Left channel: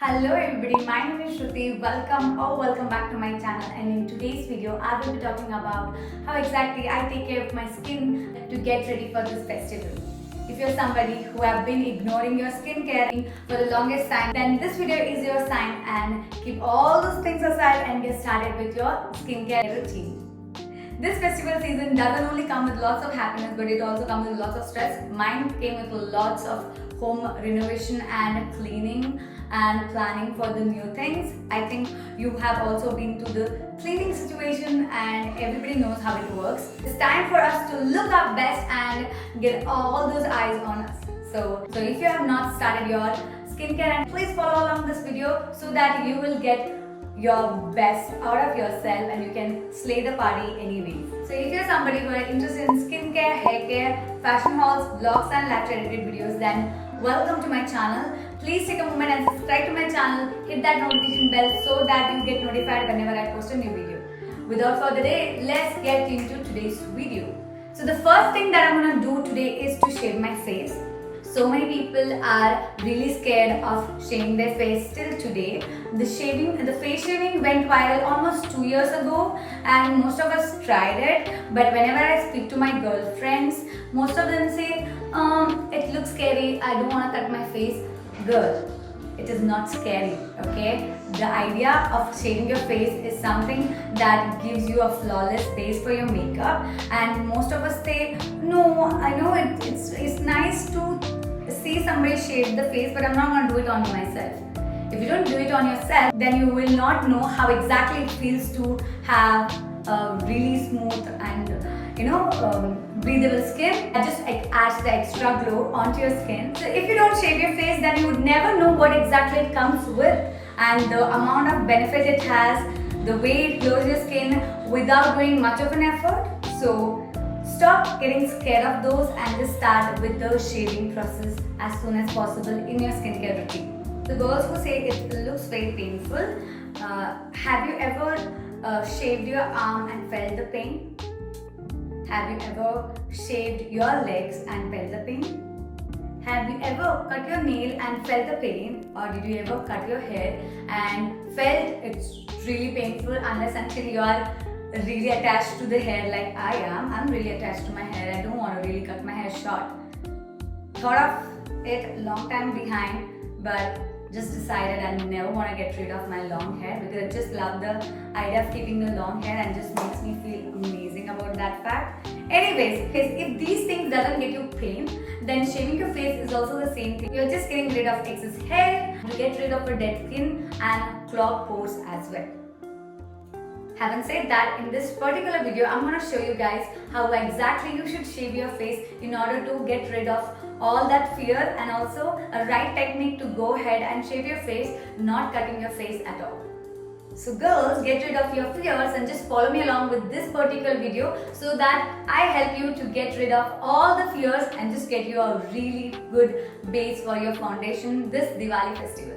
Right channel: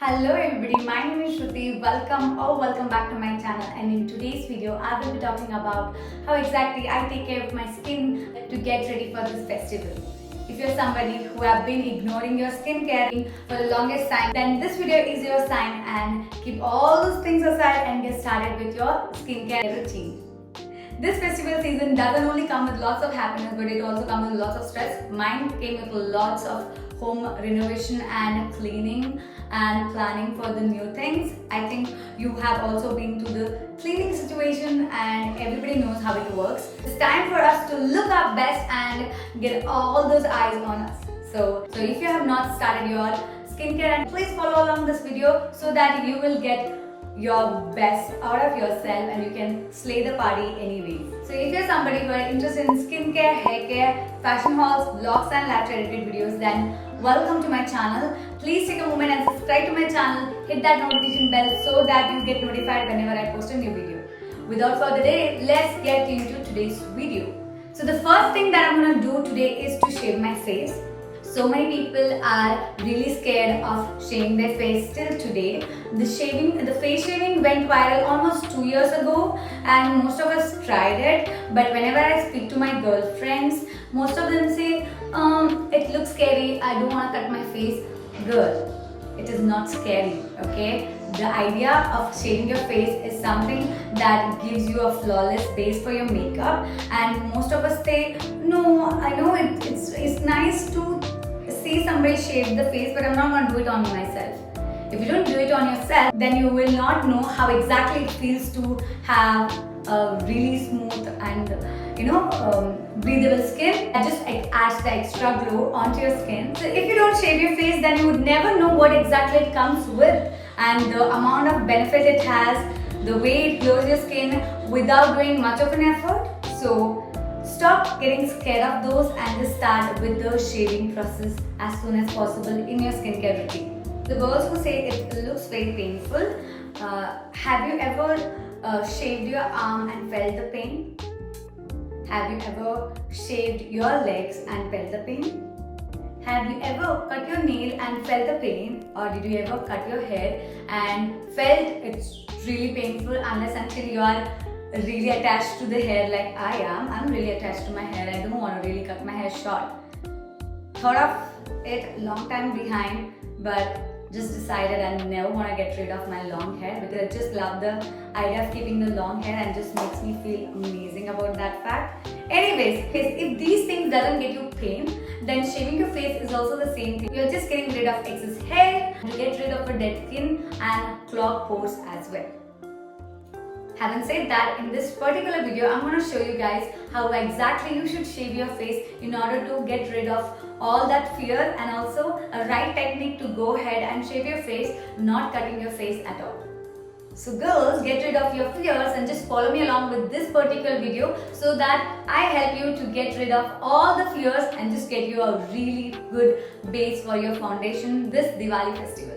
Hello everybody, my name is Shruti. Welcome back to my channel, and in today's video I will be talking about how exactly I take care of my skin to get ready for this festival. If you're somebody who have been ignoring your skincare for the longest time, then this video is your sign, and keep all those things aside and get started with your skincare routine. This festival season doesn't only come with lots of happiness, but it also comes with lots of stress. Mine came with lots of home renovation and cleaning and planning for the new things. I think you have also been to the cleaning situation and everybody knows how it works. It's time for us to look our best and get all those eyes on us. So if you have not started your skincare, and please follow along this video so that you will get your best out of yourself and you can slay the party anyway. So if you're somebody who are interested in skincare, hair care, fashion hauls, vlogs and lifestyle edited videos, then welcome to my channel. Please take a moment and subscribe to my channel, hit that notification bell so that you get notified whenever I post a new video. Without further delay, let's get into today's video. So the first thing that I'm going to do today is to shave my face. So many people are really scared of shaving their face till today. The face shaving went viral almost 2 years ago, and most of us tried it. But whenever I speak to my girlfriends, most of them say, it looks scary, I don't want to cut my face. Girl, it is not scary, okay? The idea of shaving your face is something that gives you a flawless base for your makeup, and most of us say, no, I know it's nice to see somebody shave the face, but I'm not going to do it on myself. If you don't do it on yourself, then you will not know how exactly it feels to have a really smooth and breathable skin. It just adds the extra glow onto your skin. So if you don't shave your face, then you would never know what exactly it comes with and the amount of benefit it has, the way it glows your skin without doing much of an effort. So stop getting scared of those and just start with the shaving process as soon as possible in your skincare routine. The girls who say it looks very painful, have you ever shaved your arm and felt the pain? Have you ever shaved your legs and felt the pain? Have you ever cut your nail and felt the pain? Or did you ever cut your hair and felt it's really painful unless until you are really attached to the hair like I am? I'm really attached to my hair. I don't want to really cut my hair short. Thought of it long time behind, but just decided I never want to get rid of my long hair because I just love the idea of keeping the long hair and just makes me feel amazing about that fact. Anyways, if these things doesn't get you pain, then shaving your face is also the same thing. You're just getting rid of excess hair, you get rid of a dead skin and clogged pores as well. Having said that, in this particular video, I'm going to show you guys how exactly you should shave your face in order to get rid of all that fear, and also a right technique to go ahead and shave your face, not cutting your face at all. So girls, get rid of your fears and just follow me along with this particular video so that I help you to get rid of all the fears and just get you a really good base for your foundation this Diwali festival.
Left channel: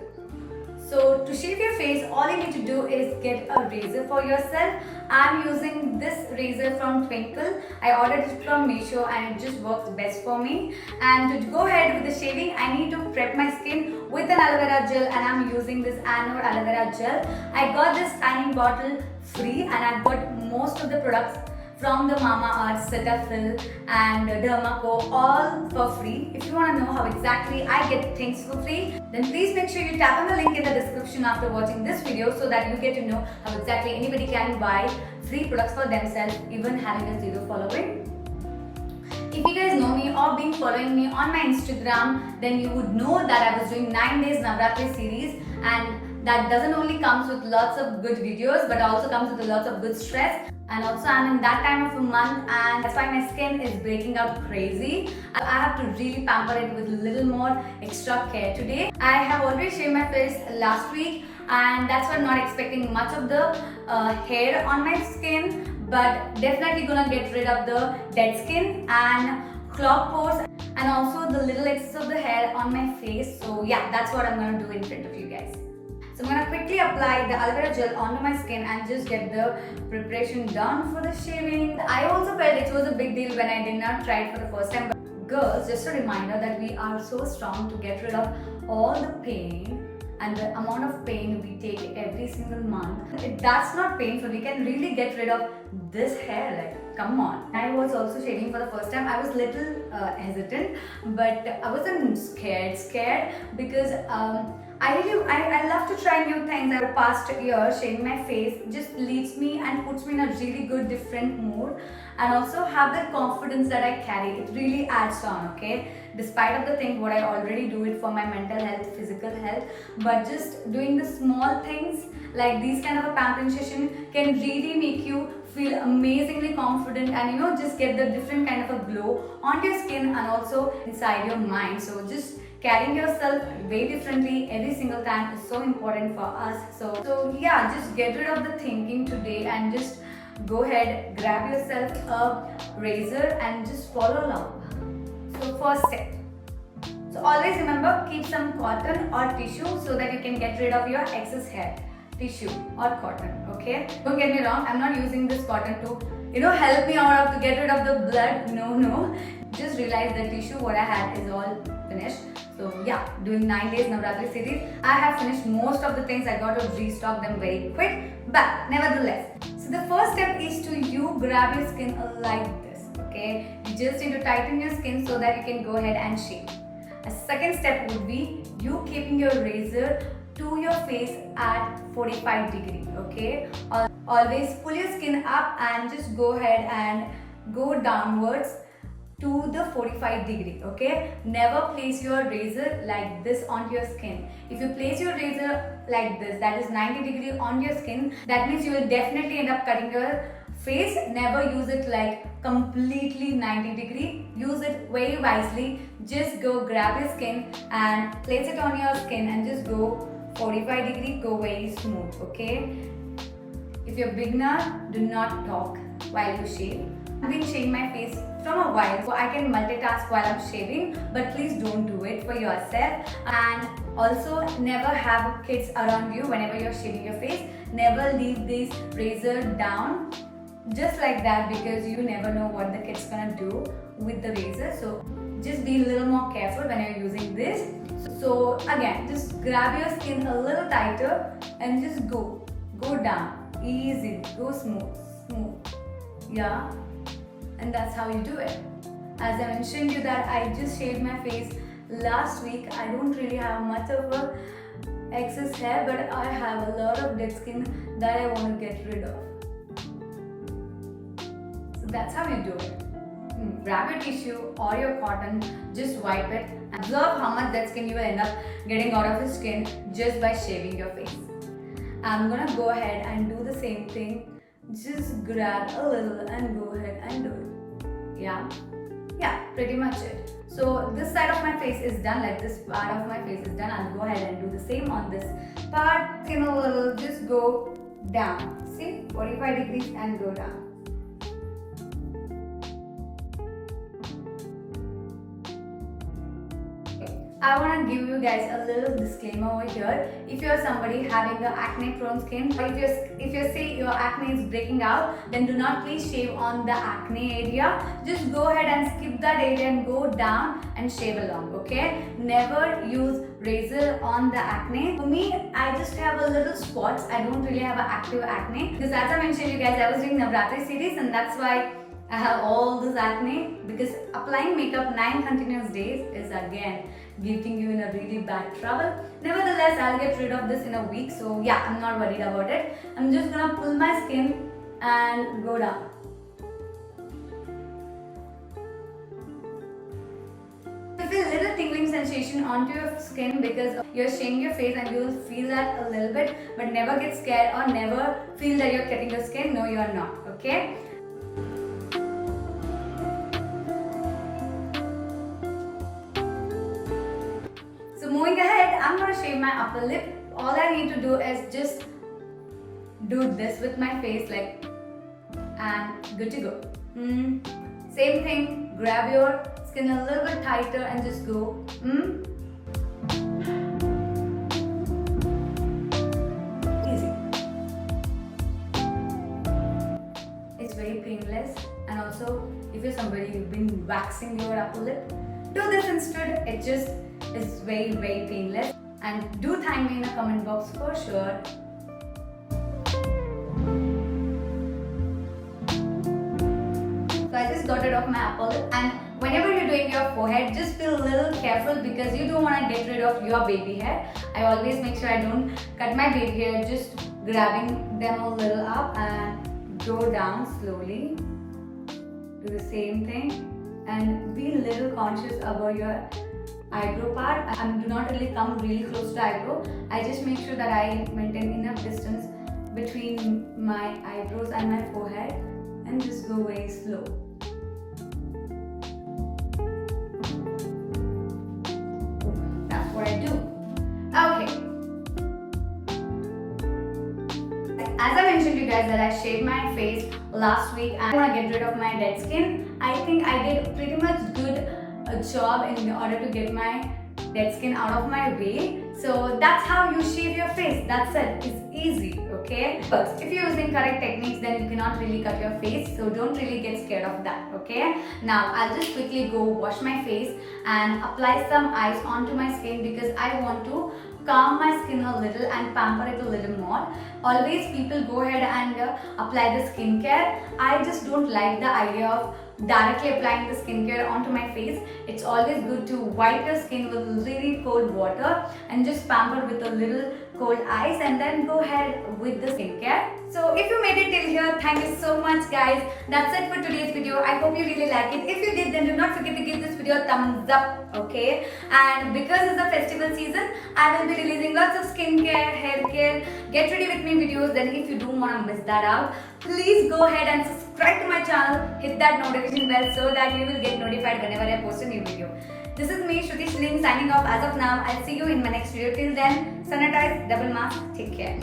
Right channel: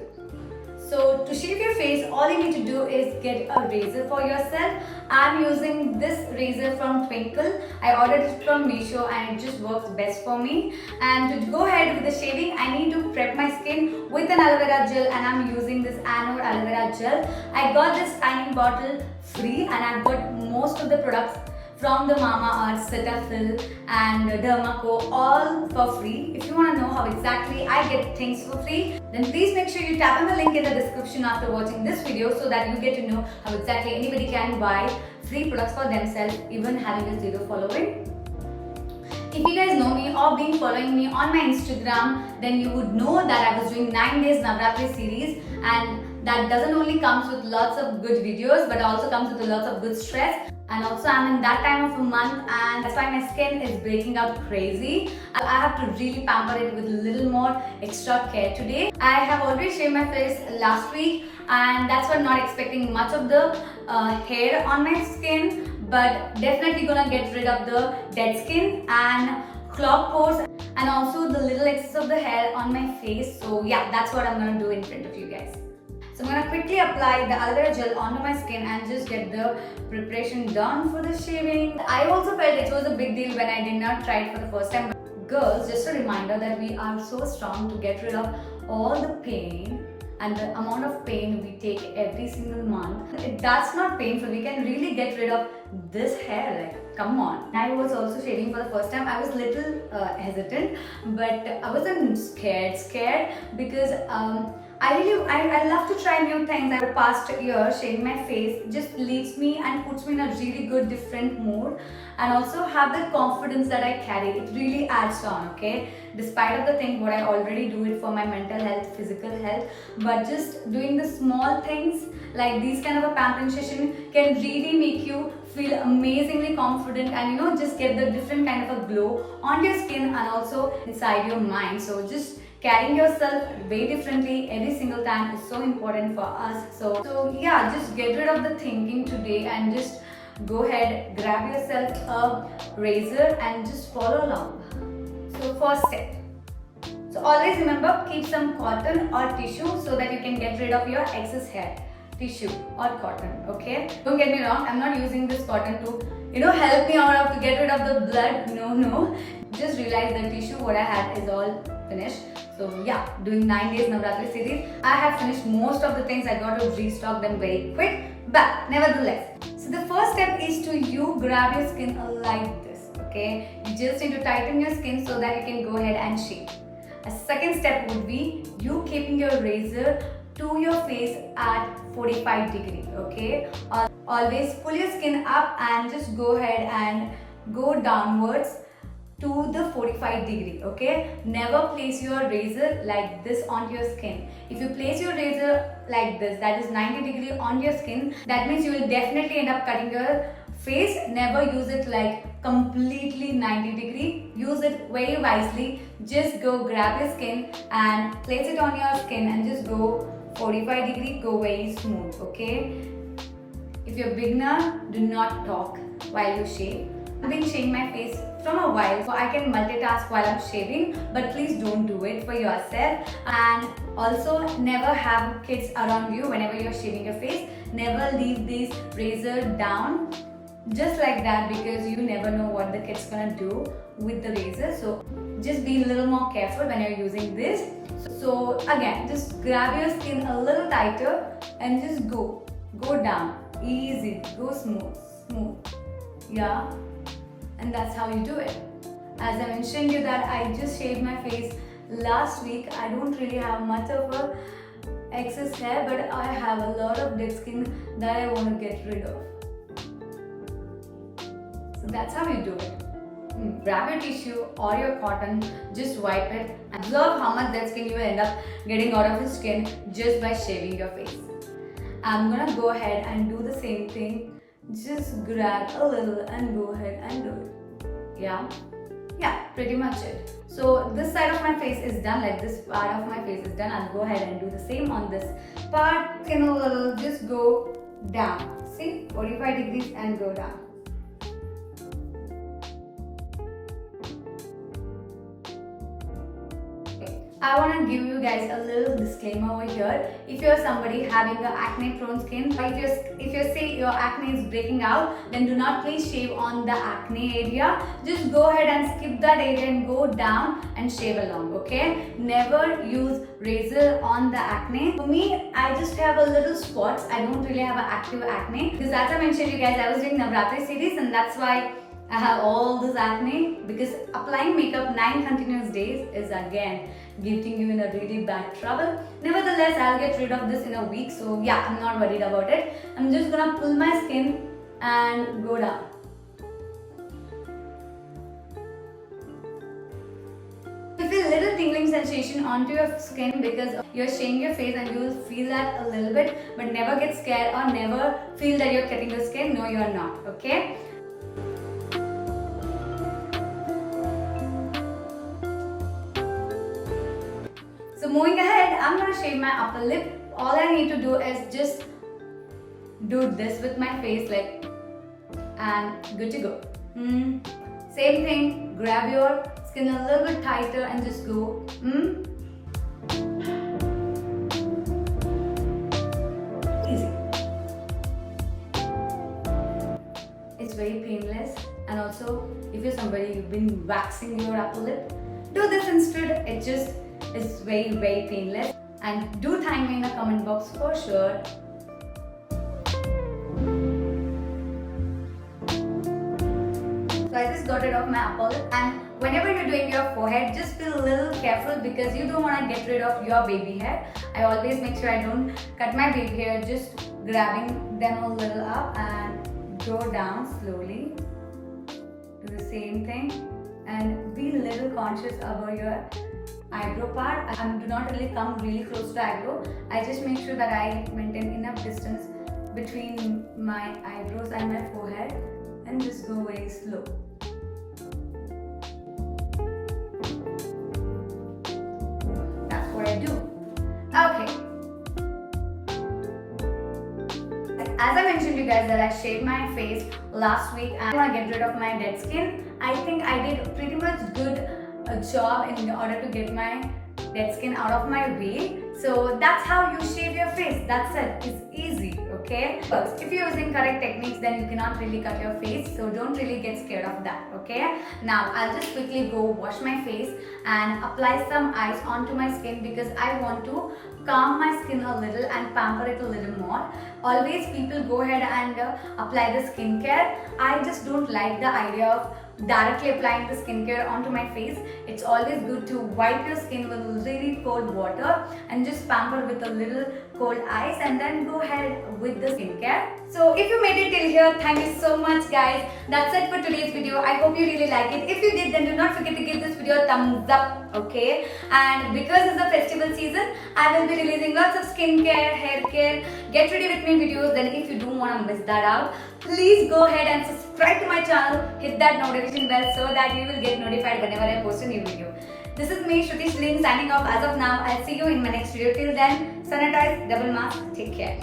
So to shave your face, all you need to do is get a razor for yourself. I'm using this razor from Twinkle. I ordered it from Meesho and it just works best for me. And to go ahead with the shaving, I need to prep my skin with an aloe vera gel, and I'm using this Anor aloe vera gel. I got this tiny bottle free, and I've got most of the products from the Mamaearth, Cetaphil and Dermaco all for free. If you want to know how exactly I get things for free, then please make sure you tap on the link in the description after watching this video so that you get to know how exactly anybody can buy free products for themselves even having a zero following. If you guys know me or been following me on my Instagram, then you would know that I was doing 9 days Navratri series, and that doesn't only comes with lots of good videos but also comes with lots of good stress. And also I'm in that time of a month, and that's why my skin is breaking out crazy. I have to really pamper it with a little more extra care today. I have already shaved my face last week, and that's why I'm not expecting much of the hair on my skin, but definitely gonna get rid of the dead skin and clogged pores and also the little excess of the hair on my face. So yeah, that's what I'm gonna do in front of you guys. So I'm going to quickly apply the aloe vera gel onto my skin and just get the preparation done for the shaving. I also felt it was a big deal when I did not try it for the first time. But girls, just a reminder that we are so strong to get rid of all the pain and the amount of pain we take every single month, that's not painful. We can really get rid of this hair, like come on. I was also shaving for the first time. I was little hesitant, but I wasn't scared because I love to try new things. The past year, shaving my face just leaves me and puts me in a really good different mood, and also have the confidence that I carry. It really adds on, okay? Despite of the thing what I already do it for my mental health, physical health, but just doing the small things like these kind of a pampering session can really make you feel amazingly confident, and just get the different kind of a glow on your skin and also inside your mind. So just carrying yourself way differently every single time is so important for us. So yeah, just get rid of the thinking today and just go ahead, grab yourself a razor and just follow along. So first step. So always remember, keep some cotton or tissue so that you can get rid of your excess hair. Tissue or cotton, okay? Don't get me wrong, I'm not using this cotton to help me out to get rid of the blood. No. Just realize the tissue what I had is all finished. So yeah, doing 9 days Navratri series, I have finished most of the things. I got to restock them very quick, but nevertheless. So the first step is to you grab your skin like this, okay? You just need to tighten your skin so that you can go ahead and shave. A second step would be you keeping your razor to your face at 45 degree, okay? Always pull your skin up and just go ahead and go downwards to the 45 degree, okay? Never place your razor like this onto your skin. If you place your razor like this, that is 90 degree on your skin, that means you will definitely end up cutting your face. Never use it like completely 90 degree. Use it very wisely. Just go grab your skin and place it on your skin and just go 45 degree, go very smooth, okay? If you're a beginner, do not talk while you shave. I've been shaving my face from a while, so I can multitask while I'm shaving, but please don't do it for yourself. And also, never have kids around you whenever you're shaving your face. Never leave this razor down just like that, because you never know what the kid's gonna do with the razor. So just be a little more careful when you're using this. So again, just grab your skin a little tighter and just go down, easy, go smooth, yeah. And that's how you do it. As I mentioned you that I just shaved my face last week. I don't really have much of a excess hair, but I have a lot of dead skin that I want to get rid of. So that's how you do it. Grab your tissue or your cotton, just wipe it. Observe how much dead skin you will end up getting out of your skin just by shaving your face. I'm gonna go ahead and do the same thing. Just grab a little and go ahead and do it. Yeah, pretty much it. So this side of my face is done, like this part of my face is done. I'll go ahead and do the same on this part. Thin a little, just go down. See, 45 degrees and go down. I want to give you guys a little disclaimer over here. If you're somebody having an acne prone skin, or if you say your acne is breaking out, then do not please shave on the acne area. Just go ahead and skip that area and go down and shave along, okay? Never use razor on the acne. For me, I just have a little spots. I don't really have an active acne, because as I mentioned you guys, I was doing Navratri series, and that's why I have all this acne, because applying makeup 9 continuous days is again getting you in a really bad trouble. Nevertheless, I'll get rid of this in a week, so yeah, I'm not worried about it. I'm just gonna pull my skin and go down. You feel a little tingling sensation onto your skin because you're shaving your face, and you'll feel that a little bit, but never get scared or never feel that you're cutting your skin. No, you're not, okay? Moving ahead, I'm going to shave my upper lip. All I need to do is just do this with my face, like, and good to go. Same thing, grab your skin a little bit tighter and just go. Easy. It's very painless, and also if you're somebody who's been waxing your upper lip, do this instead. It just is very painless. and do thank me in the comment box for sure. So I just got rid of my apple, and whenever you're doing your forehead, just be a little careful because you don't want to get rid of your baby hair. I always make sure I don't cut my baby hair, just grabbing them a little up and go down slowly. Do the same thing and be a little conscious about your eyebrow part. I do not really come really close to the eyebrow. I just make sure that I maintain enough distance between my eyebrows and my forehead and just go very slow. That's what I do. Okay. As I mentioned to you guys that I shaved my face last week and I want to get rid of my dead skin. I think I did pretty much good job in order to get my dead skin out of my way. So that's how you shave your face. That's it. It's easy, okay? First, if you're using correct techniques, then you cannot really cut your face. So don't really get scared of that, okay? Now, I'll just quickly go wash my face and apply some ice onto my skin because I want to calm my skin a little and pamper it a little more. Always people go ahead and apply the skincare. I just don't like the idea of directly applying the skincare onto my face. It's always good to wipe your skin with really cold water and just pamper with a little cold ice and then go ahead with the skincare. So if you made it till here, thank you so much guys. That's it for today's video. I hope you really like it. If you did, then do not forget to give this video a thumbs up, okay? And because it's the festival season, I will be releasing lots of skincare, hair care, get ready with me videos. Then if you don't want to miss that out, please go ahead and subscribe to my channel, hit that notification bell so that you will get notified whenever I post a new video. This is me, Shruti Shilin, signing off as of now. I'll see you in my next video. Till then, sanitize, double mask, take care.